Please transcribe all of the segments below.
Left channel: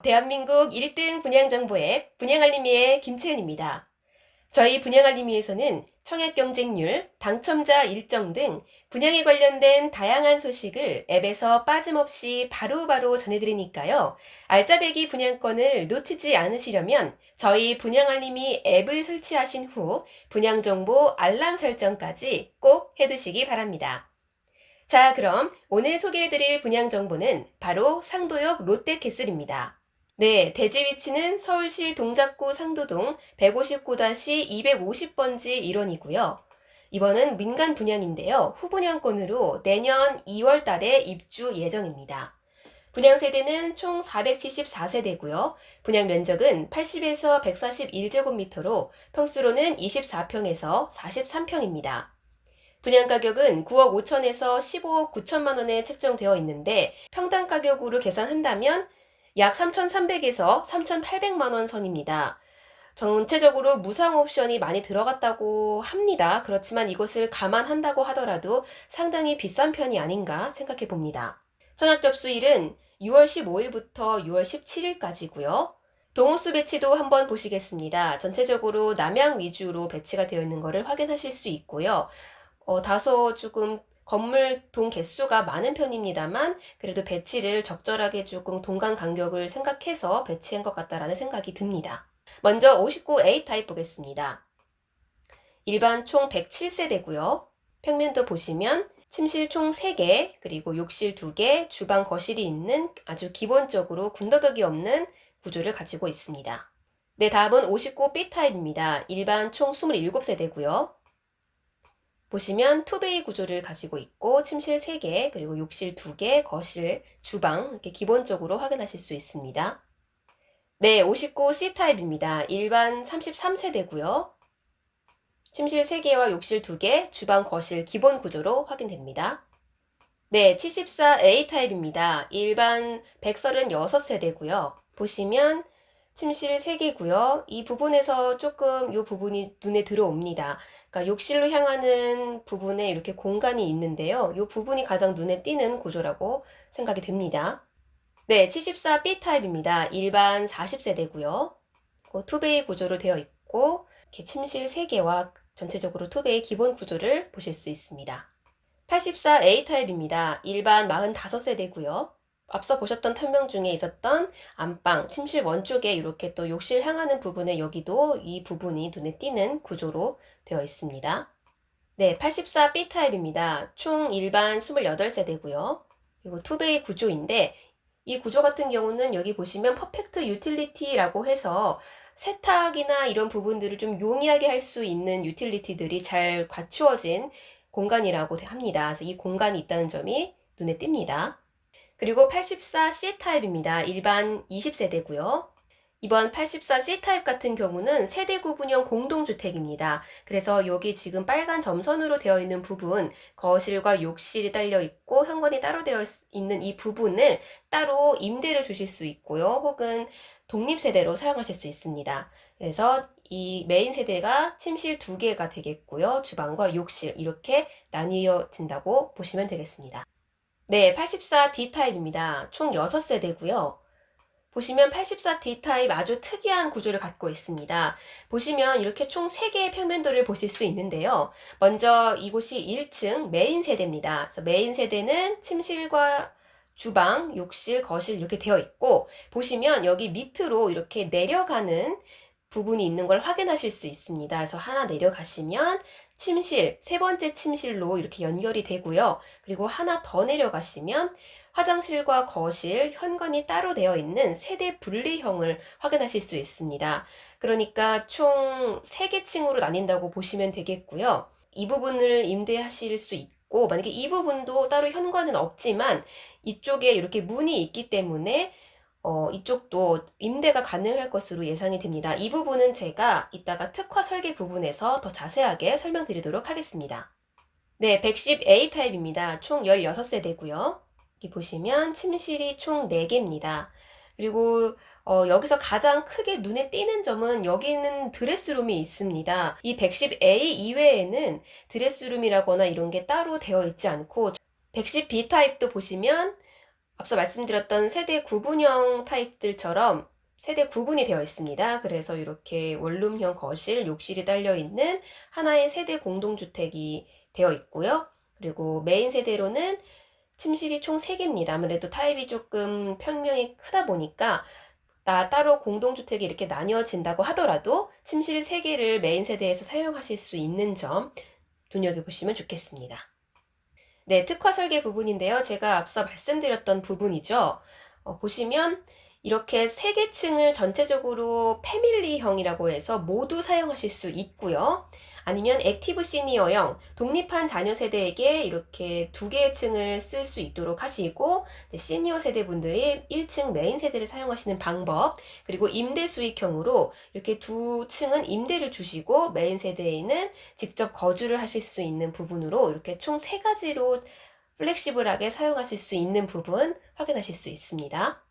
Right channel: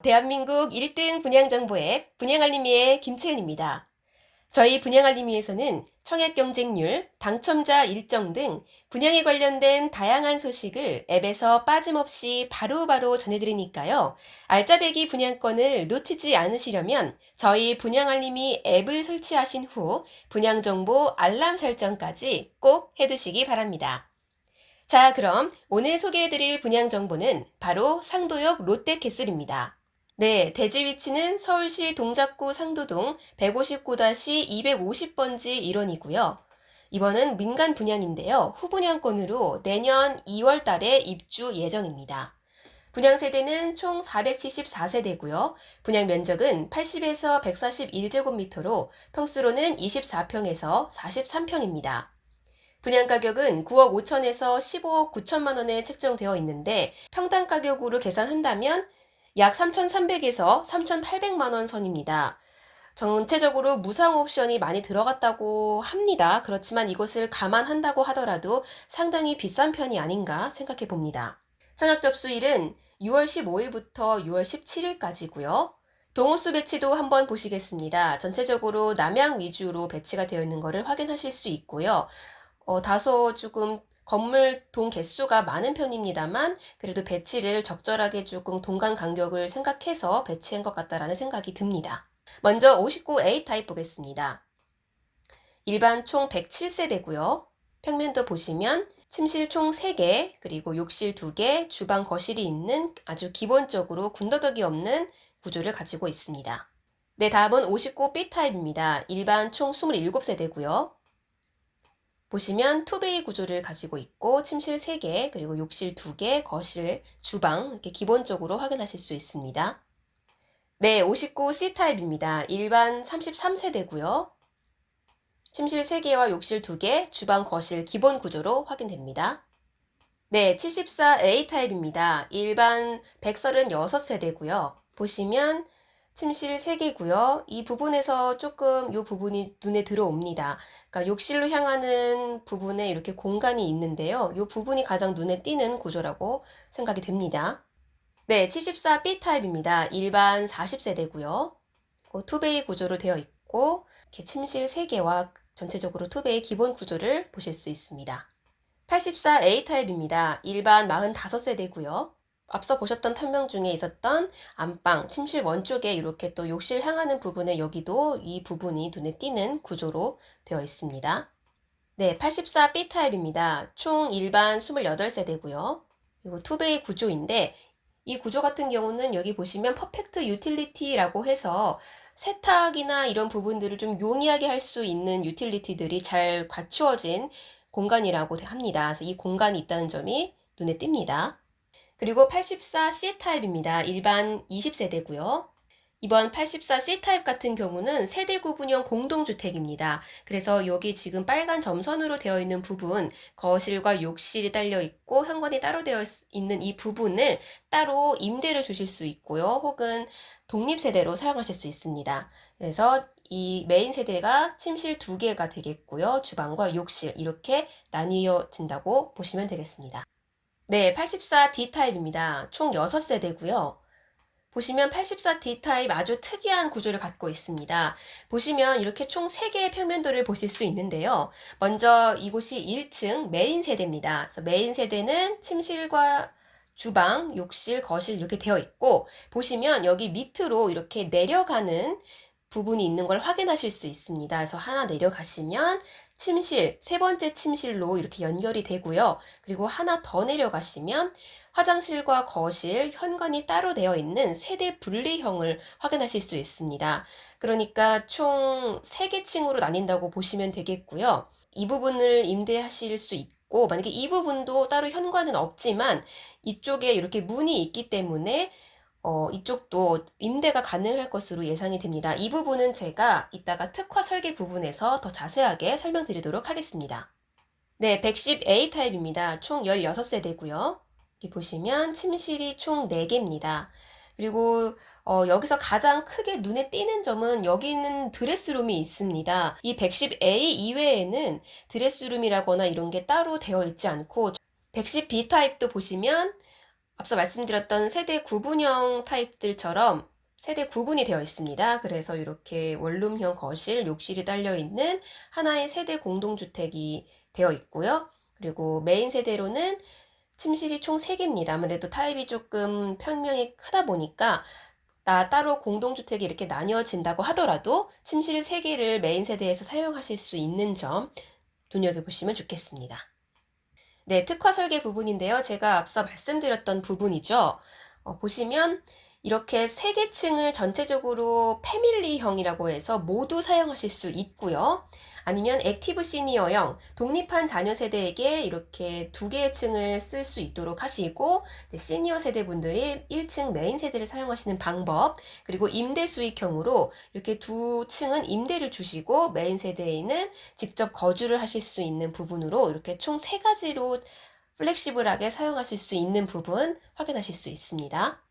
대한민국 1등 분양정보 앱 분양알림이의 김채은입니다. 저희 분양알림이에서는 청약 경쟁률, 당첨자 일정 등 분양에 관련된 다양한 소식을 앱에서 빠짐없이 바로바로 전해드리니까요. 알짜배기 분양권을 놓치지 않으시려면 저희 분양알림이 앱을 설치하신 후 분양정보 알람 설정까지 꼭 해두시기 바랍니다. 자, 그럼 오늘 소개해드릴 분양정보는 바로 상도역 롯데캐슬입니다. 네, 대지 위치는 서울시 동작구 상도동 159-250번지 1원이고요. 이번은 민간 분양인데요. 후분양권으로 내년 2월 달에 입주 예정입니다. 분양 세대는 총 474세대고요. 분양 면적은 80에서 141제곱미터로 평수로는 24평에서 43평입니다. 분양 가격은 9억 5천에서 15억 9천만 원에 책정되어 있는데 평당 가격으로 계산한다면 약 3,300에서 3,800만 원 선입니다. 전체적으로 무상 옵션이 많이 들어갔다고 합니다. 그렇지만 이것을 감안한다고 하더라도 상당히 비싼 편이 아닌가 생각해 봅니다. 청약 접수일은 6월 15일부터 6월 17일까지고요. 동호수 배치도 한번 보시겠습니다. 전체적으로 남향 위주로 배치가 되어 있는 것을 확인하실 수 있고요. 다소 조금 건물 동 개수가 많은 편입니다만 그래도 배치를 적절하게 조금 동간 간격을 생각해서 배치한 것 같다라는 생각이 듭니다. 먼저 59A 타입 보겠습니다. 일반 총 107세대고요. 평면도 보시면 침실 총 3개, 그리고 욕실 2개, 주방 거실이 있는 아주 기본적으로 군더더기 없는 구조를 가지고 있습니다. 네, 다음은 59B 타입입니다. 일반 총 27세대고요. 보시면 투베이 구조를 가지고 있고 침실 3개, 그리고 욕실 2개, 거실, 주방 이렇게 기본적으로 확인하실 수 있습니다. 네, 59C 타입입니다. 일반 33세대고요. 침실 3개와 욕실 2개, 주방, 거실 기본 구조로 확인됩니다. 네, 74A 타입입니다. 일반 136세대고요. 보시면 침실 3개고요. 이 부분에서 조금 이 부분이 눈에 들어옵니다. 그러니까 욕실로 향하는 부분에 이렇게 공간이 있는데요. 이 부분이 가장 눈에 띄는 구조라고 생각이 됩니다. 네, 74B 타입입니다. 일반 40세대고요. 투베이 구조로 되어 있고 이렇게 침실 3개와 전체적으로 투베이 기본 구조를 보실 수 있습니다. 84A 타입입니다. 일반 45세대고요. 앞서 보셨던 설명 중에 있었던 안방, 침실 원쪽에 이렇게 또 욕실 향하는 부분에 여기도 이 부분이 눈에 띄는 구조로 되어 있습니다. 네, 84B 타입입니다. 총 일반 28세대고요. 그리고 투베이 구조인데 이 구조 같은 경우는 여기 보시면 퍼펙트 유틸리티라고 해서 세탁이나 이런 부분들을 좀 용이하게 할 수 있는 유틸리티들이 잘 갖추어진 공간이라고 합니다. 그래서 이 공간이 있다는 점이 눈에 띕니다. 그리고 84C 타입입니다. 일반 20세대고요. 이번 84C 타입 같은 경우는 세대 구분형 공동주택입니다. 그래서 여기 지금 빨간 점선으로 되어 있는 부분, 거실과 욕실이 딸려 있고 현관이 따로 되어 있는 이 부분을 따로 임대를 주실 수 있고요. 혹은 독립세대로 사용하실 수 있습니다. 그래서 이 메인 세대가 침실 2개가 되겠고요. 주방과 욕실 이렇게 나뉘어진다고 보시면 되겠습니다. 네, 84D 타입입니다. 총 6세대고요. 보시면 84D 타입 아주 특이한 구조를 갖고 있습니다. 보시면 이렇게 총 3개의 평면도를 보실 수 있는데요. 먼저 이곳이 1층 메인 세대입니다. 그래서 메인 세대는 침실과 주방, 욕실, 거실 이렇게 되어 있고 보시면 여기 밑으로 이렇게 내려가는 부분이 있는 걸 확인하실 수 있습니다. 그래서 하나 내려가시면 침실, 세 번째 침실로 이렇게 연결이 되고요. 그리고 하나 더 내려가시면 화장실과 거실, 현관이 따로 되어 있는 세대 분리형을 확인하실 수 있습니다. 그러니까 총 3개 층으로 나뉜다고 보시면 되겠고요. 이 부분을 임대하실 수 있고, 만약에 이 부분도 따로 현관은 없지만 이쪽에 이렇게 문이 있기 때문에 이쪽도 임대가 가능할 것으로 예상이 됩니다. 이 부분은 제가 이따가 특화 설계 부분에서 더 자세하게 설명드리도록 하겠습니다. 네, 110A 타입입니다. 총 16세대고요. 여기 보시면 침실이 총 4개입니다. 그리고 여기서 가장 크게 눈에 띄는 점은 여기는 드레스룸이 있습니다. 이 110A 이외에는 드레스룸이라거나 이런 게 따로 되어 있지 않고 110B 타입도 보시면 앞서 말씀드렸던 세대 구분형 타입들처럼 세대 구분이 되어 있습니다. 그래서 이렇게 원룸형 거실, 욕실이 딸려 있는 하나의 세대 공동주택이 되어 있고요. 그리고 메인 세대로는 침실이 총 3개입니다. 아무래도 타입이 조금 평면이 크다 보니까 따로 공동주택이 이렇게 나뉘어진다고 하더라도 침실 3개를 메인 세대에서 사용하실 수 있는 점 눈여겨보시면 좋겠습니다. 네, 특화 설계 부분인데요. 제가 앞서 말씀드렸던 부분이죠. 보시면 이렇게 3개 층을 전체적으로 패밀리형이라고 해서 모두 사용하실 수 있고요. 아니면 액티브 시니어형, 독립한 자녀 세대에게 이렇게 2개의 층을 쓸 수 있도록 하시고, 시니어 세대분들이 1층 메인 세대를 사용하시는 방법, 그리고 임대 수익형으로 이렇게 2층은 임대를 주시고 메인 세대에는 직접 거주를 하실 수 있는 부분으로 이렇게 총 3가지로 플렉시블하게 사용하실 수 있는 부분 확인하실 수 있습니다.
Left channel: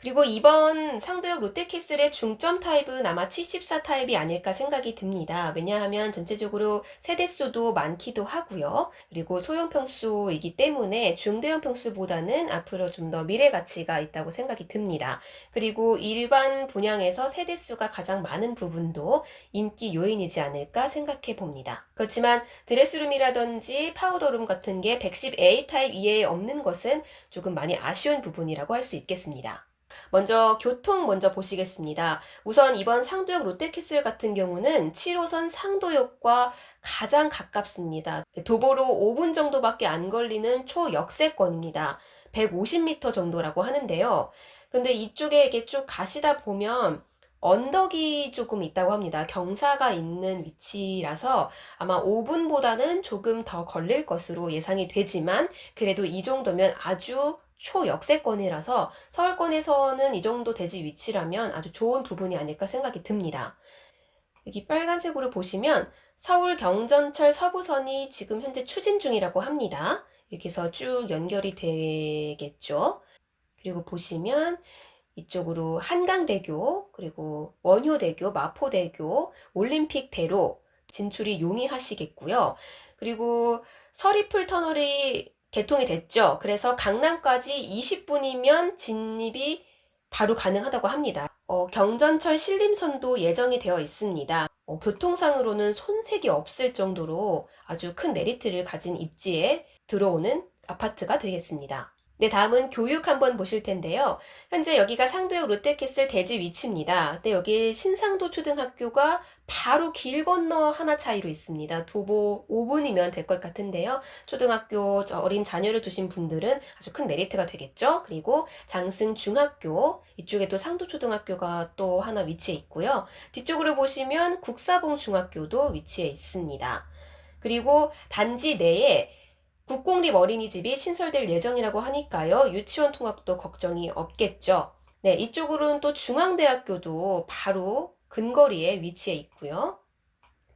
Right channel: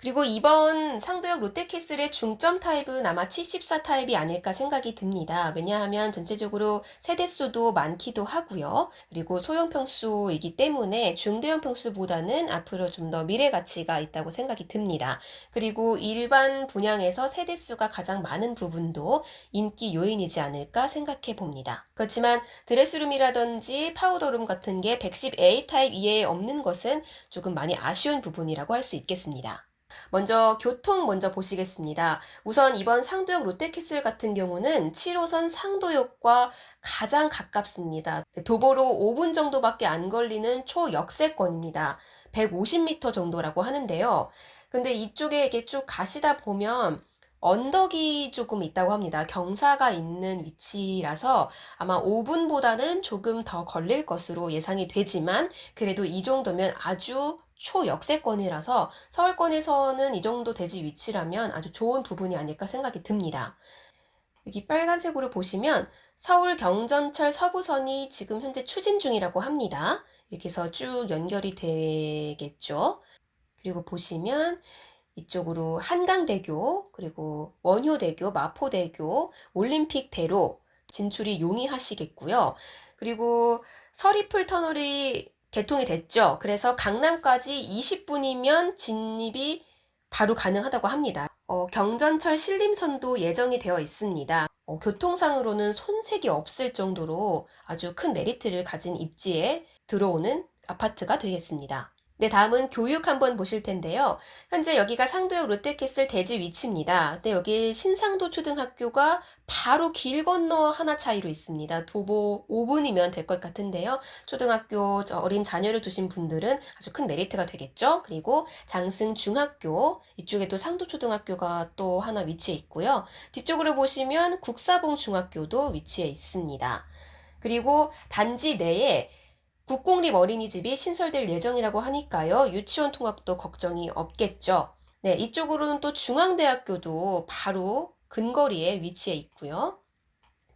그리고 이번 상도역 롯데캐슬의 중점 타입은 아마 74 타입이 아닐까 생각이 듭니다. 왜냐하면 전체적으로 세대수도 많기도 하고요. 그리고 소형 평수이기 때문에 중대형 평수보다는 앞으로 좀 더 미래 가치가 있다고 생각이 듭니다. 그리고 일반 분양에서 세대수가 가장 많은 부분도 인기 요인이지 않을까 생각해 봅니다. 그렇지만 드레스룸이라든지 파우더룸 같은 게 110A 타입 이외에 없는 것은 조금 많이 아쉬운 부분이라고 할 수 있겠습니다. 먼저 교통 먼저 보시겠습니다. 우선 이번 상도역 롯데캐슬 같은 경우는 7호선 상도역과 가장 가깝습니다. 도보로 5분 정도밖에 안 걸리는 초역세권입니다. 150m 정도라고 하는데요. 근데 이쪽에 이렇게 쭉 가시다 보면 언덕이 조금 있다고 합니다. 경사가 있는 위치라서 아마 5분보다는 조금 더 걸릴 것으로 예상이 되지만 그래도 이 정도면 아주 초역세권이라서 서울권에서는 이 정도 대지 위치라면 아주 좋은 부분이 아닐까 생각이 듭니다. 여기 빨간색으로 보시면 서울 경전철 서부선이 지금 현재 추진 중이라고 합니다. 이렇게 해서 쭉 연결이 되겠죠. 그리고 보시면 이쪽으로 한강대교, 그리고 원효대교, 마포대교, 올림픽대로 진출이 용이하시겠고요. 그리고 서리풀 터널이 개통이 됐죠. 그래서 강남까지 20분이면 진입이 바로 가능하다고 합니다. 경전철 신림선도 예정이 되어 있습니다. 교통상으로는 손색이 없을 정도로 아주 큰 메리트를 가진 입지에 들어오는 아파트가 되겠습니다. 네, 다음은 교육 한번 보실 텐데요. 현재 여기가 상도역 롯데캐슬 대지 위치입니다. 근데 여기 신상도 초등학교가 바로 길 건너 하나 차이로 있습니다. 도보 5분이면 될 것 같은데요. 초등학교 어린 자녀를 두신 분들은 아주 큰 메리트가 되겠죠. 그리고 장승 중학교, 이쪽에도 상도초등학교가 또 하나 위치해 있고요. 뒤쪽으로 보시면 국사봉 중학교도 위치해 있습니다. 그리고 단지 내에 국공립 어린이집이 신설될 예정이라고 하니까요. 유치원 통학도 걱정이 없겠죠. 네, 이쪽으로는 또 중앙대학교도 바로 근거리에 위치해 있고요.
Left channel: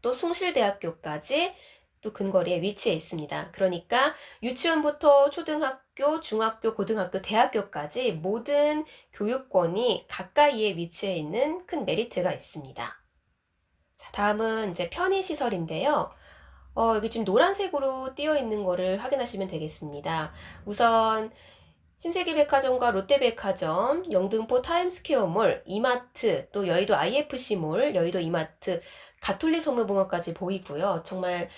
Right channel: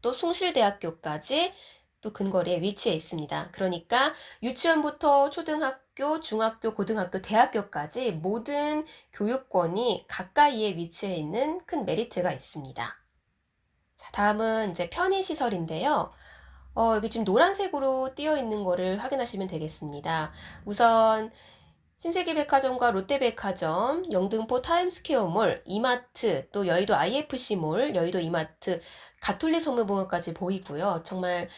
또 숭실대학교까지 또 근거리에 위치해 있습니다. 그러니까 유치원부터 초등학교, 중학교, 고등학교, 대학교까지 모든 교육권이 가까이에 위치해 있는 큰 메리트가 있습니다. 자, 다음은 이제 편의시설인데요. 여기 지금 노란색으로 띄어 있는 거를 확인하시면 되겠습니다. 우선 신세계백화점과 롯데백화점, 영등포 타임스퀘어몰, 이마트, 또 여의도 IFC몰, 여의도 이마트, 가톨릭 성모병원까지 보이고요. 정말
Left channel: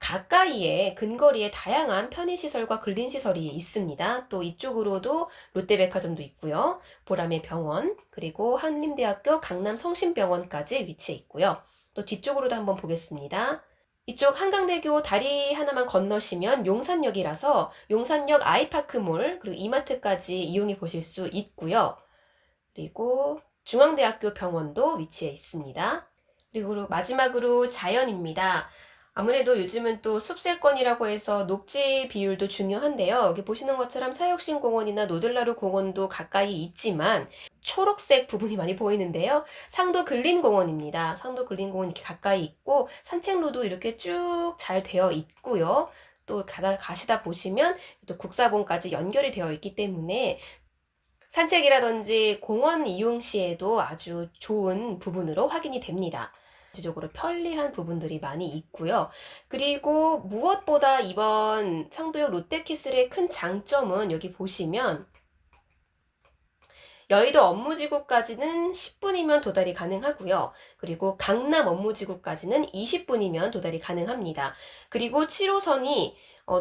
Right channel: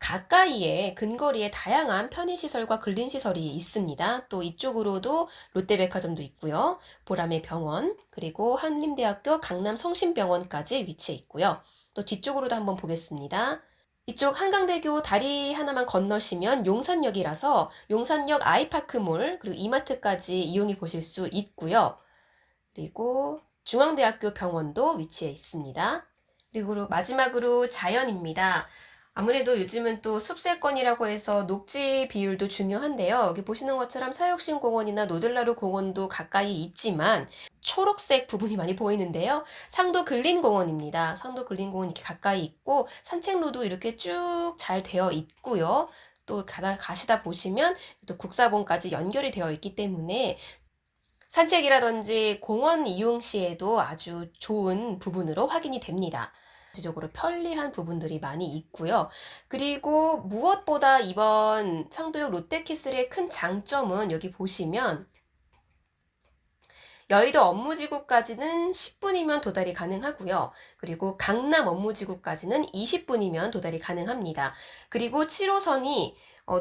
가까이에 근거리에 다양한 편의시설과 근린시설이 있습니다. 또 이쪽으로도 롯데백화점도 있고요. 보라매 병원, 그리고 한림대학교 강남성심병원까지 위치해 있고요. 또 뒤쪽으로도 한번 보겠습니다. 이쪽 한강대교 다리 하나만 건너시면 용산역이라서 용산역 아이파크몰 그리고 이마트까지 이용해 보실 수 있고요. 그리고 중앙대학교 병원도 위치해 있습니다. 그리고 마지막으로 자연입니다. 아무래도 요즘은 또 숲세권이라고 해서 녹지 비율도 중요한데요. 여기 보시는 것처럼 사육신공원이나 노들나루 공원도 가까이 있지만 초록색 부분이 많이 보이는데요. 상도 근린공원입니다. 상도 근린공원 이렇게 가까이 있고 산책로도 이렇게 쭉 잘 되어 있고요. 또 가시다 보시면 또 국사봉까지 연결이 되어 있기 때문에 산책이라든지 공원 이용 시에도 아주 좋은 부분으로 확인이 됩니다. 전체적으로 편리한 부분들이 많이 있고요. 그리고 무엇보다 이번 상도역 롯데캐슬의 큰 장점은 여기 보시면 여의도 업무지구까지는 10분이면 도달이 가능하고요. 그리고 강남 업무지구까지는 20분이면 도달이 가능합니다. 그리고 7호선이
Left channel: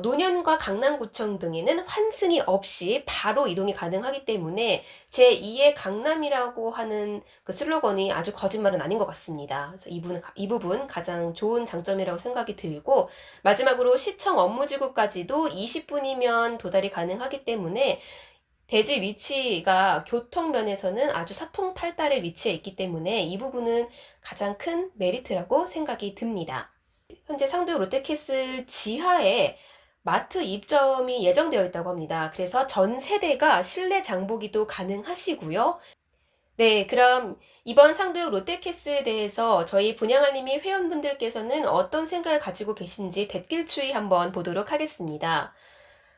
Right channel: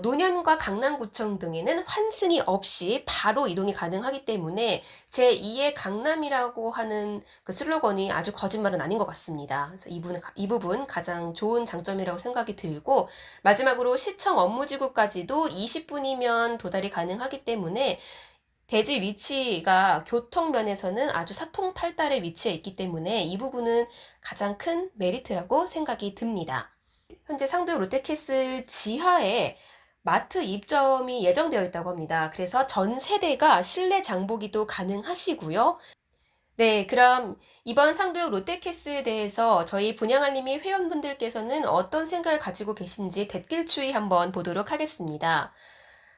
노년과 강남구청 등에는 환승이 없이 바로 이동이 가능하기 때문에 제2의 강남이라고 하는 그 슬로건이 아주 거짓말은 아닌 것 같습니다. 그래서 이 부분 가장 좋은 장점이라고 생각이 들고, 마지막으로 시청 업무지구까지도 20분이면 도달이 가능하기 때문에 대지 위치가 교통면에서는 아주 사통탈달에 위치해 있기 때문에 이 부분은 가장 큰 메리트라고 생각이 듭니다. 현재 상도 롯데캐슬 지하에 마트 입점이 예정되어 있다고 합니다. 그래서 전 세대가 실내 장보기도 가능하시고요. 네, 그럼 이번 상도역 롯데캐슬에 대해서 저희 분양알림이 회원분들께서는 어떤 생각을 가지고 계신지 댓글 추이 한번 보도록 하겠습니다.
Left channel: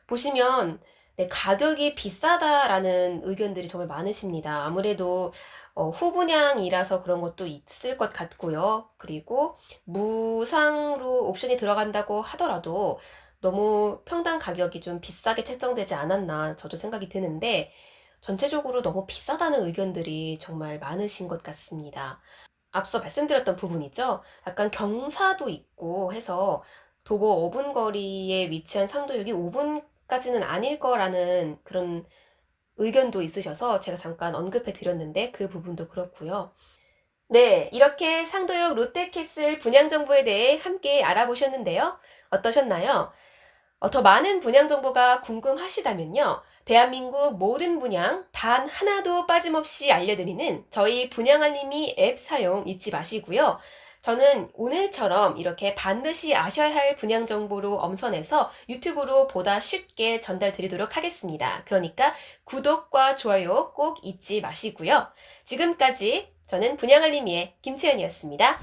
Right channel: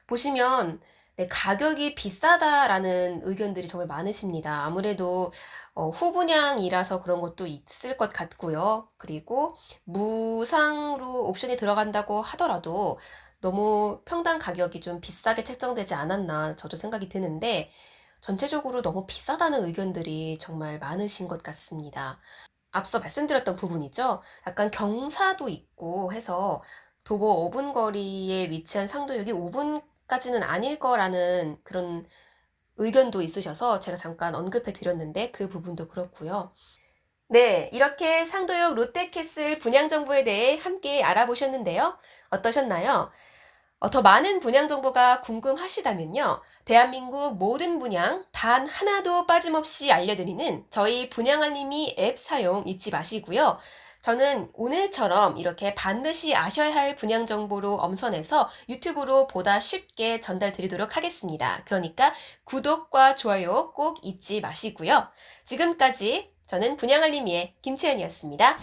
보시면 네, 가격이 비싸다라는 의견들이 정말 많으십니다. 아무래도 후분양이라서 그런 것도 있을 것 같고요. 그리고 무상으로 옵션이 들어간다고 하더라도 너무 평당 가격이 좀 비싸게 책정되지 않았나 저도 생각이 드는데, 전체적으로 너무 비싸다는 의견들이 정말 많으신 것 같습니다. 앞서 말씀드렸던 부분이죠. 약간 경사도 있고 해서 도보 5분 거리에 위치한 상도역이 5분까지는 아닐 거라는 그런 의견도 있으셔서 제가 잠깐 언급해 드렸는데 그 부분도 그렇고요. 네, 이렇게 상도역 롯데캐슬 분양 정보에 대해 함께 알아보셨는데요. 어떠셨나요? 더 많은 분양 정보가 궁금하시다면요. 대한민국 모든 분양 단 하나도 빠짐없이 알려드리는 저희 분양알림이 앱 사용 잊지 마시고요. 저는 오늘처럼 이렇게 반드시 아셔야 할 분양 정보로 엄선해서 유튜브로 보다 쉽게 전달드리도록 하겠습니다. 그러니까 구독과 좋아요 꼭 잊지 마시고요. 지금까지 저는 분양알림이의 김채연이었습니다.